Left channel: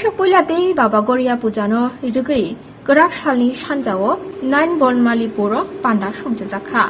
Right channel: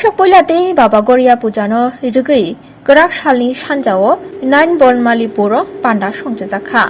बैसाग पयलाते बाबागरिया पुजानो रिगै गराक सालनि सानजाओ 9 बनमाली बर' पान्डा संजाखा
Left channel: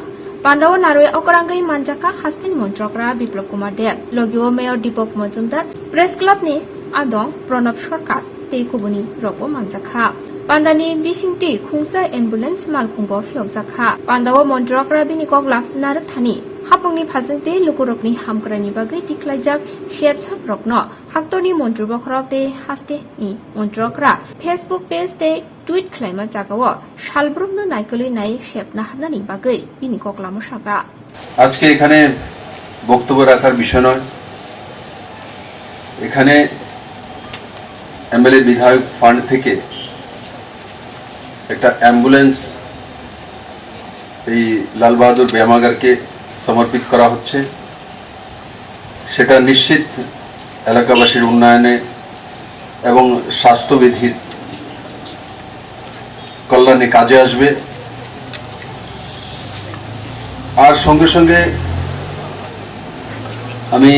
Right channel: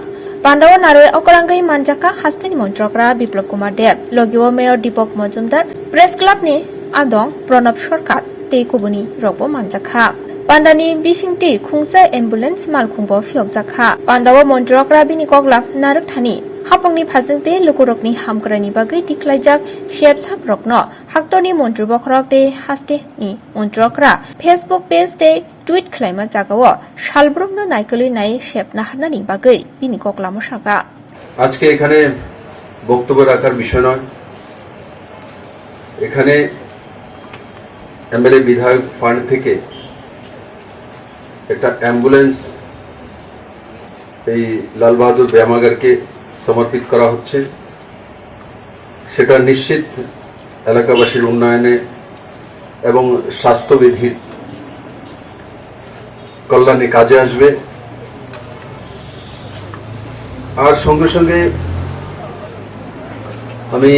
पान्डाओ नारै अकरांगै मानजाखा हास्टेनि मन्त्रकरा बिप्लब कुमार देव लगिओ मेयर दीपक मजुमदार प्रेस क्लाबनि आदं प्रणब सरकार तेकुबुनि रगबो मानजाखा पान्डानि बिसिंति खुंसा एम्बुलेन्स मालखुंबो फियकजाखा पान्डाओ मन्त्रकरा बिनि कगला नारक थानि हापंनि फाजोंते लुकुरकनि हामग्रानि बागै दिख्लायजाक शेप साप्रकनो हाक्टरनि मन्त्र बखरकते हास्टेनि मन्त्रकरा फेसबुक पेज ते টুইট খালাইমা জাগাও শালব্রমনো নাইকলি নাই শেপ নাহারনানি বাগৈ বিনি ককলা মশাকা আজকে এখানে বক্তব্য রাখার বিষয় নয়। এখানে এমএলএ বিধায়ক ফান্ড থেকে একটা অ্যাম্বুলেন্স এই লাল বাহাদুর ব্যায়ামাগারকে সমর্পিত করা হচ্ছে। সেটা নিশ্চিত এলাকাবাসীর উন্নয়নে এবং স্বাস্থ্যবিধির কল্যাণে কাজে আসবে। আর সঙ্গে সঙ্গে আমি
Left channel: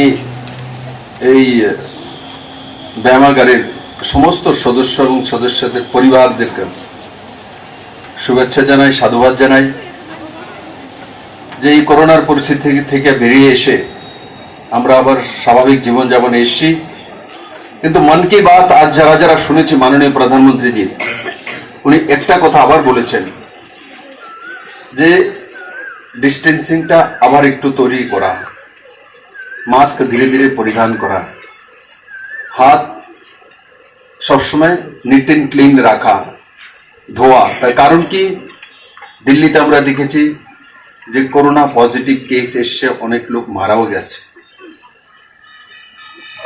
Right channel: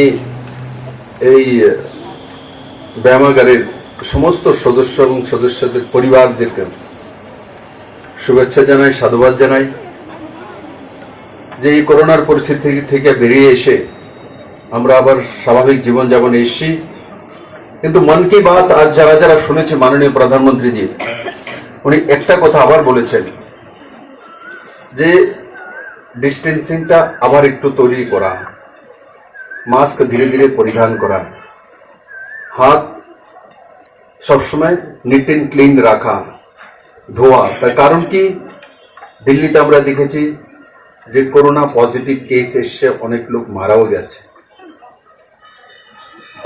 এই ব্যায়ামাগারের সমস্ত সদস্য এবং সদস্যদের পরিবারদেরকে শুভেচ্ছা জানাই, সাধুবাদ জানাই যে এই করোনার পরিস্থিতি থেকে বেরিয়ে এসে আমরা আবার স্বাভাবিক জীবনযাপনে এসেছি। কিন্তু মন কি বাত আজ যারা যারা শুনেছি মাননীয় প্রধানমন্ত্রীজি উনি একটা কথা আবার বলেছেন যে ডিস্টেন্সিংটা আবার একটু তৈরি করা, মাস্ক ধীরে ধীরে পরিধান করা, হাত সবসময় নিট এন্ড ক্লিন রাখা, ধোয়া। তার কারণ কি দিল্লিতে আমরা দেখেছি যে করোনা পজিটিভ কেস এসে অনেক লোক মারাও গেছে।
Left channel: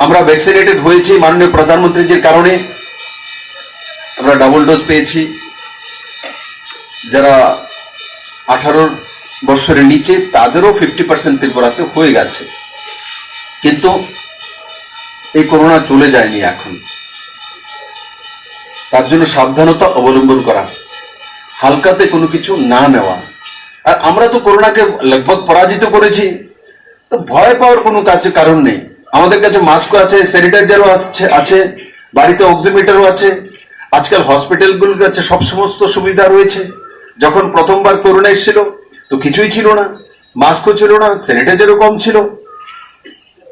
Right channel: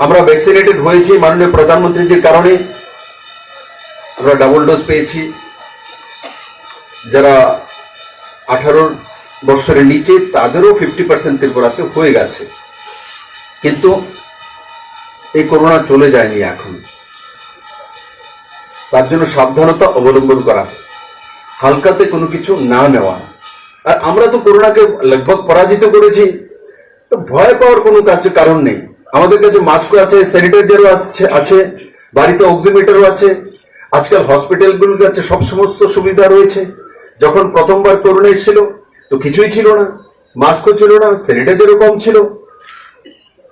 আমরা ভ্যাকসিনেটেড হয়েছি মাননীয় প্রধানমন্ত্রীজির কারণে, আমরা ডাবল ডোজ পেয়েছি। যারা 18 বছরের নিচে তাদেরও 50% ত্রিপুরাতে হয়ে গেছে, কিন্তু এই করোনা চলে যায়নি এখন। তার জন্য সাবধানতা অবলম্বন করা, হালকাতে কোনো কিছু না নেওয়া। আর আমরা তো করোনাকে লগভগ পরাজিত করেছি, তো ভয় পাওয়ার কোনো কাছে কারণ নেই। আমাদের কাছে মাস্কও আছে, স্যানিটাইজারও আছে, বাড়িতে অক্সিমিটারও আছে। আজকাল হসপিটালগুলোর কাছে সব সমস্ত সুবিধা রয়েছে। যখন প্রথমবার করোনা এসেছিল তো কিছুই ছিল না, মাস্কও ছিল না, স্যানিটাইজারও কম ছিল।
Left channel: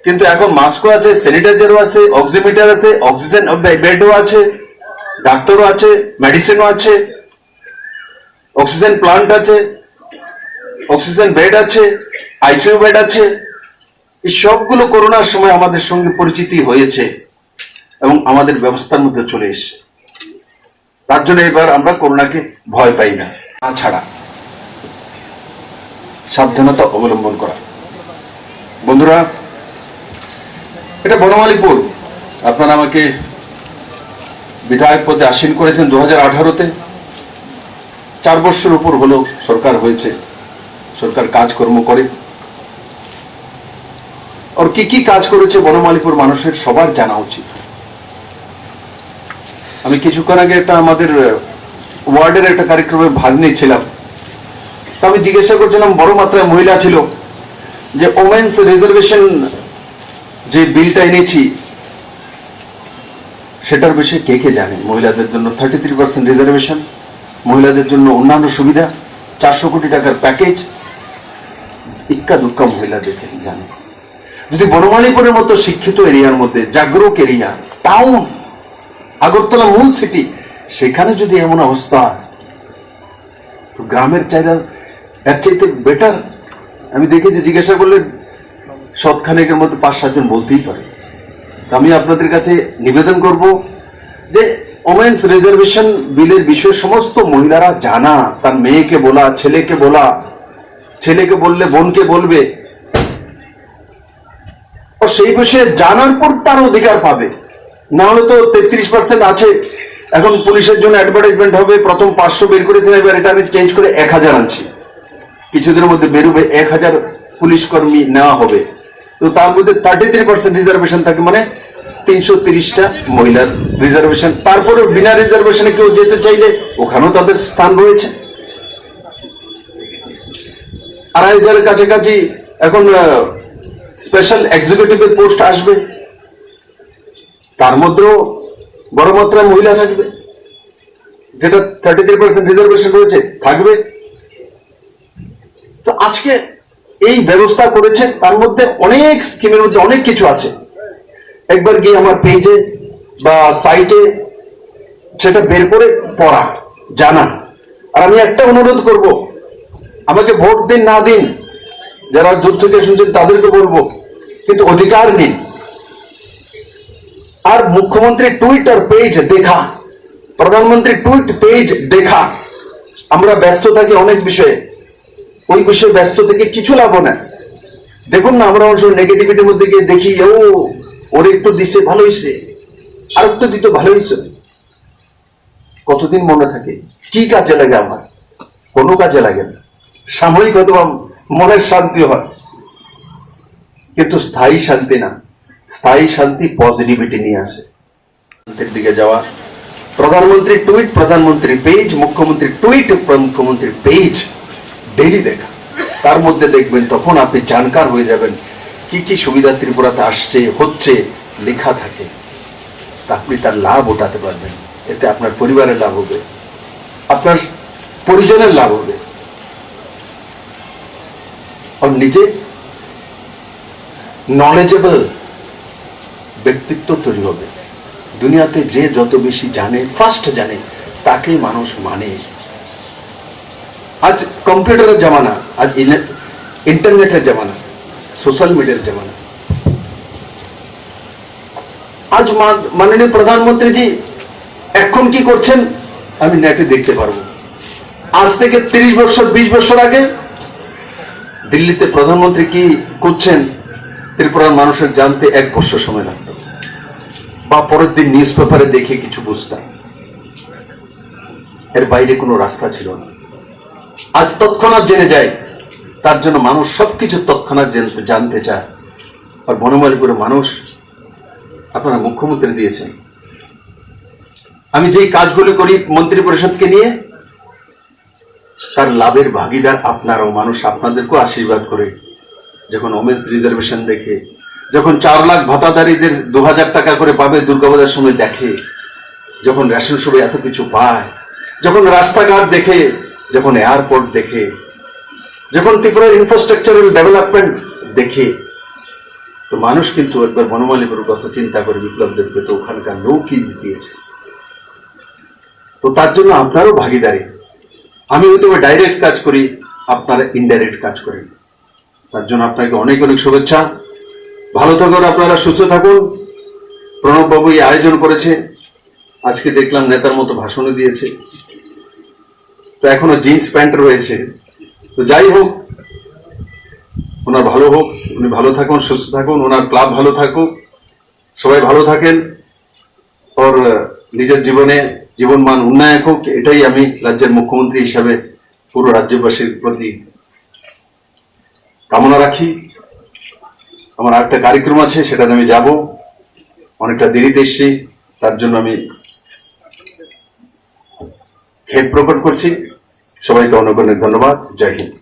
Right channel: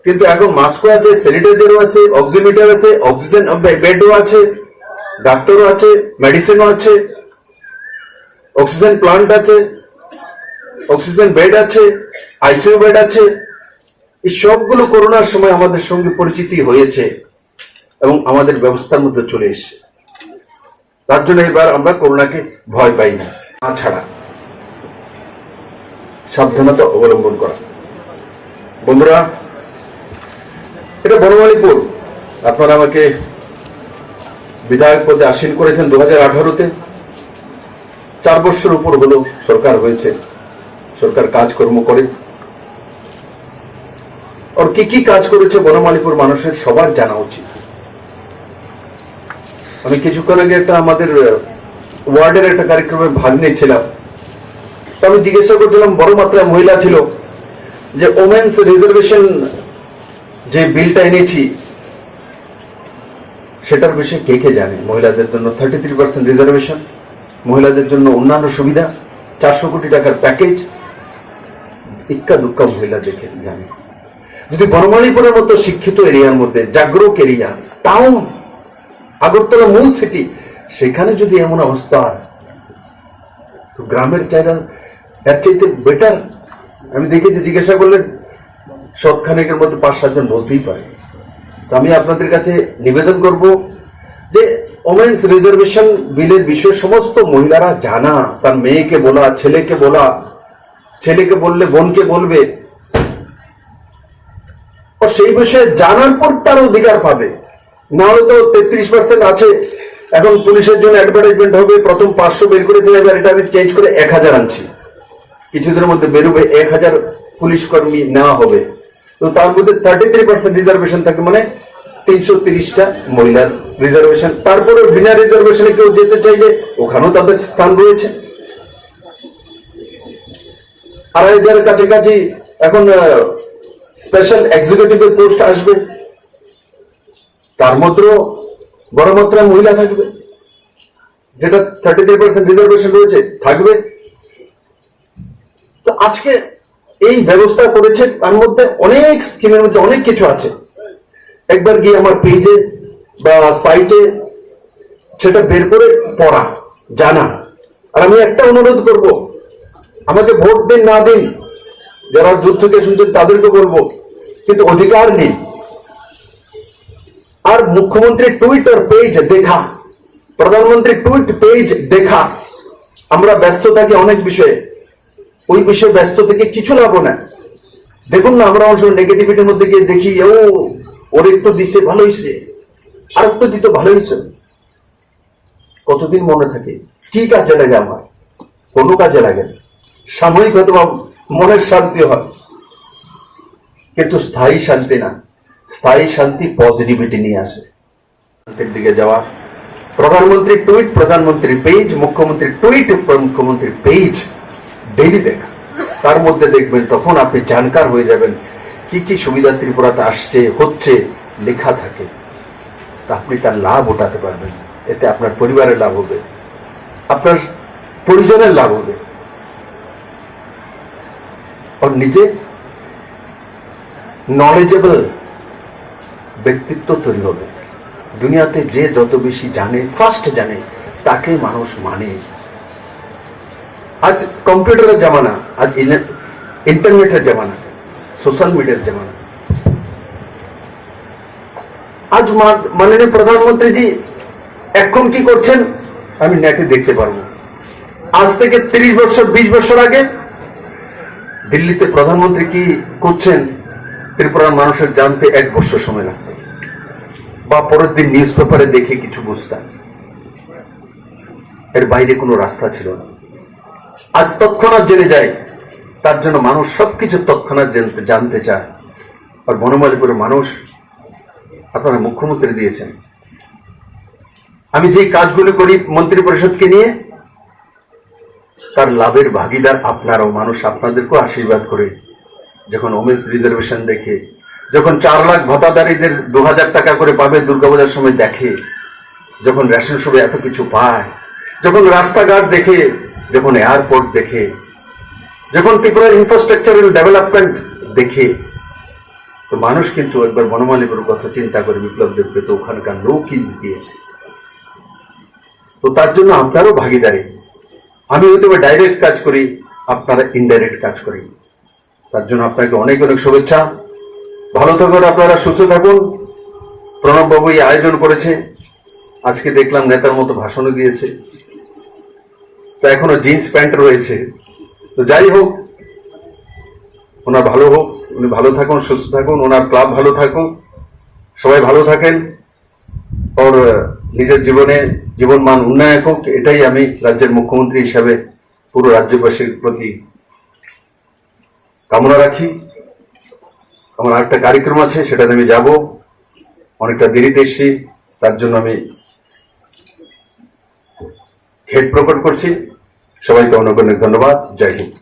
কিন্তু এখন মাস্কও আছে, স্যানিটাইজারও আছে, অক্সিমিটার আছে, অক্সিজেন বেডও আছে, ডাক্তারও আছে, মেডিসিনও আছে, অক্সিজেন প্লান্ট আছে, অক্সিজেন বেড আছে, আইসিইউ বেড আছে। এই সবগুলো করোনার সময় আমাদের সঙ্গে পরিচিতি হয়েছে এবং আমাদের ব্যবস্থার মধ্যে চলে এসেছে। তার জন্য এবার আমরা করোনাকে ভয় পাই না। ছাড়া সাবধানতা অবলম্বন করা। বন্ধুরা, এটা বনমালীপুর। আপনারা আমাকে বিধায়ক পদে আসীন করেছেন 2018-তে। 4 বছর উপর হলেও সরকার হয়েছে, সরকার কাজকর্ম করে। আর কি কাজ করেছে বনমালীপুর মানুষের সবার জানা উচিত। আমি কিছুক্ষণ আগে একটা আমাদের ওয়ার্ডের একটা কার্যক্রমে ভাগ নিয়েছিলাম। তো আমি জিজ্ঞাসা করছিলাম, বড় মাত্রায় মহিলা ছিল, যে ওমেন্স রিজার্ভেশন যে বিলটা এনেছি সেটার বিষয়ে কে জানে? মহিলাদের জন্য 33% রিজার্ভেশন, মহিলাদের জন্য অন্যান্য সুবিধা, 400 কোটি টাকার প্যাকেজ। ইক্কা দুক্কা মহিলাদেরকে জানে। যদি বনমালীপুরের মতো শিক্ষিত এরিয়ার মধ্যে, জাগরুক এরিয়া, টাউন, আগরতলা মূল সিটি, সেখানে যদি এমন অবস্থা, তো গ্রামের এর চাইতে বেটার। আমি দেখেছি, জিজ্ঞাসা করলে সৎখানেকের মধ্যে 5-7 জন বলতেই পারে। আমি আপনাদের কাছে নিবেদন করব যে ওমেন্স রিজার্ভেশন বিলের বিষয়ে সমস্ত মহিলারা জানা, তার মেয়েকে বলা, ছেলেকে বলা, ছেলেকে বললে বোনকে বলবে, ও সেই বিষয়ে জানার পর তার অধিকার পাবে। না হলে তো 33% আছে। এখন পুলিশের জন্য অ্যাডভার্টাইজমেন্ট হবে, প্রথম 500 বের করে দেবে, এবার এটা আমি চেঞ্জ করে 1000 আনছি। কিছুদিনের মধ্যে বেরোবে 1000 পুলিশ কর্মী নেওয়া হবে। তো তার মধ্যে 33% রিজার্ভেশন থাকে, মানে 330টা মহিলার রিজার্ভেশন। তারপরে বিনা রিজার্ভেশনে কেউ যেতে চাইলে ওখানেও তাদের স্থান রয়েছে। 2500 কাছাকাছি এখন স্পেশাল এক্সিকিউটিভের পোস্ট আসবে। তার মধ্যেও বড় মাত্রায় মহিলা থাকবে, যেটা 33% রিজার্ভেশন রয়েছে থাকবে। তো আজকে এই ব্যবস্থা করেছে, তার মধ্যে অনেক স্কিমের মধ্যে অনেক কিছু আছে। একবার গিয়ে আমার পেজে বা সাইটে সেটা বের করে পড়া, জানা। আর আমি একটা অনুরোধ করব, আমাকে ভোট দিন না দিন, যারা দূর থেকে শুনছেন তাদেরকে বলবো, কিন্তু অধিকার নিন। আর মুখ্যমন্ত্রী টুইটার পেজ দেখা, প্রধানমন্ত্রী টুইট পেজ দেখা। আমরা ব্যস্ত থাকি অনেক বিষয়ে, ওই বিষয়ে ব্যস্ত থেকে কিছু লাভ না। দেখুন না, আমরা অবশ্য নেগেটিভিটির মধ্যে গিয়ে দেখি, ওর একটু দিছে ভালো হয়েছে, আর একটু দিত ভালো হয়েছে। কতদিন মনে থাকে? কি কাজে লাগে? আমার কোনো কাজে লাগে না। সাময়িক অথবা মনের শান্তি হয়, কিন্তু স্থায়ী শান্তি না। স্থায়ী শান্তি পজিটিভিটি নিয়ে আসে। শান্তির দিকে যাওয়া। প্রধানমন্ত্রী টুইট, প্রধানমন্ত্রী পেজ, মুখ্যমন্ত্রী টুইট, মুখ্যমন্ত্রী পেজ ডেইলি দেখা। তার মধ্যে দেখবেন, তখন আপনি জানকার হয়ে যাবেন কি কি সুবিধা ত্রিপুরাতে আসছে, হচ্ছে, লেখা থাকে। আপনি তার লাভ উঠাতে পারবেন। এতে আপনার পরিবারের লাভ হবে, আপনার পরিজনের লাভ হবে, আর নিজে নলেজেবল ব্যক্তিত্ব তৈরি হবে। দুনিয়াতে যে যত বেশি জানে, ফার্স্ট জানে, তাকেই মানুষ মানে। আজ কম্পিউটারের জামানা, আজ ইন্টারনেটের জামানা, সোশ্যাল মিডিয়ার জামানা। আজ মাননীয় প্রধানমন্ত্রীজি এখন কি করছেন আমি নেটে দেখতে পারবো। আজ থেকে 30 বছর 20 বছর আগে দিল্লিতে প্রধানমন্ত্রী কি করছেন ত্রিপুরার মানুষের জানতে 1 বছর সময় লাগতো, বা পরের দিন নিউজ পেপারে দেখে কিছু বুঝতাম। এর বাইরে কোনো রাস্তা ছিল না। আজ তৎক্ষণাৎ জেনে যায়, তার জন্য মানুষ সবকিছু তৎক্ষণাৎ জানতে চায়। আর বনমালীপুরের মানুষ আপনারা মুখ্যমন্ত্রী দিয়েছেন। আমি যেই কাজগুলো করি মন্ত্রী পরিষদকে নিয়ে, তার লাভের ভাগিদার আপনারাও। মানুষ আপনাদেরকেও আশীর্বাদ করে, যখন ওমেন্স রিজার্ভেশন দেখে, যখন 4 লাখ ভাতাদারীদের 2000 টাকা করে পাবে দুর্গাপূজার সময় দেখে, যখন রেশন শপে এত কিছু পায়, যখন রাস্তাঘাট দেখে, যখন এয়ারপোর্ট দেখে, যখন ত্রিপুরার ইনফ্রাস্ট্রাকচারাল ডেভেলপমেন্ট দেখে, তো মানুষ কিন্তু একবার বনমালীপুরের কথা চিন্তা করে বিপ্লব দেবকে তো ওখানকার লোকই দিয়েছে। তো তার জন্য আপনারও ভাগিদারি। আমি হয়তো ডাইরেক্ট কাজ করি, আপনারা ইনডাইরেক্ট কাজ করেন। তার জন্য আপনাকে অনেক অনেক শুভেচ্ছা। ভালো থাকুন আপনারা, সুস্থ থাকুন। প্রণব বাবু এই আয়োজন করেছে, আজকে দেখলাম নেতার মতো ভাষণও দিয়েছে। তো এখনো জিন্স প্যান্ট রয়েছে। তো যাই হোক, ওনার ভালো হোক, উনি ভালো থাকুন, সুস্থ থাকুন, ওনার ক্লাব ভালো থাকুক, সবাই ভালো থাকেন, আর নিজের জীবন মান উন্নয়ন হোক, এটাই আমি রাজ্যের মুখ্যমন্ত্রী হিসাবে পুরো রাজ্যবাসীর প্রতি কামনা রাখি। আমার একটা কার্যক্রম আছে, সেটাতে আমি যাব, অনেকটা দেরিতে এসেছি, তার জন্য আমি খেদ প্রকট করছি। সবাইকে অনেক অনেক ধন্যবাদ। জয় হিন্দ।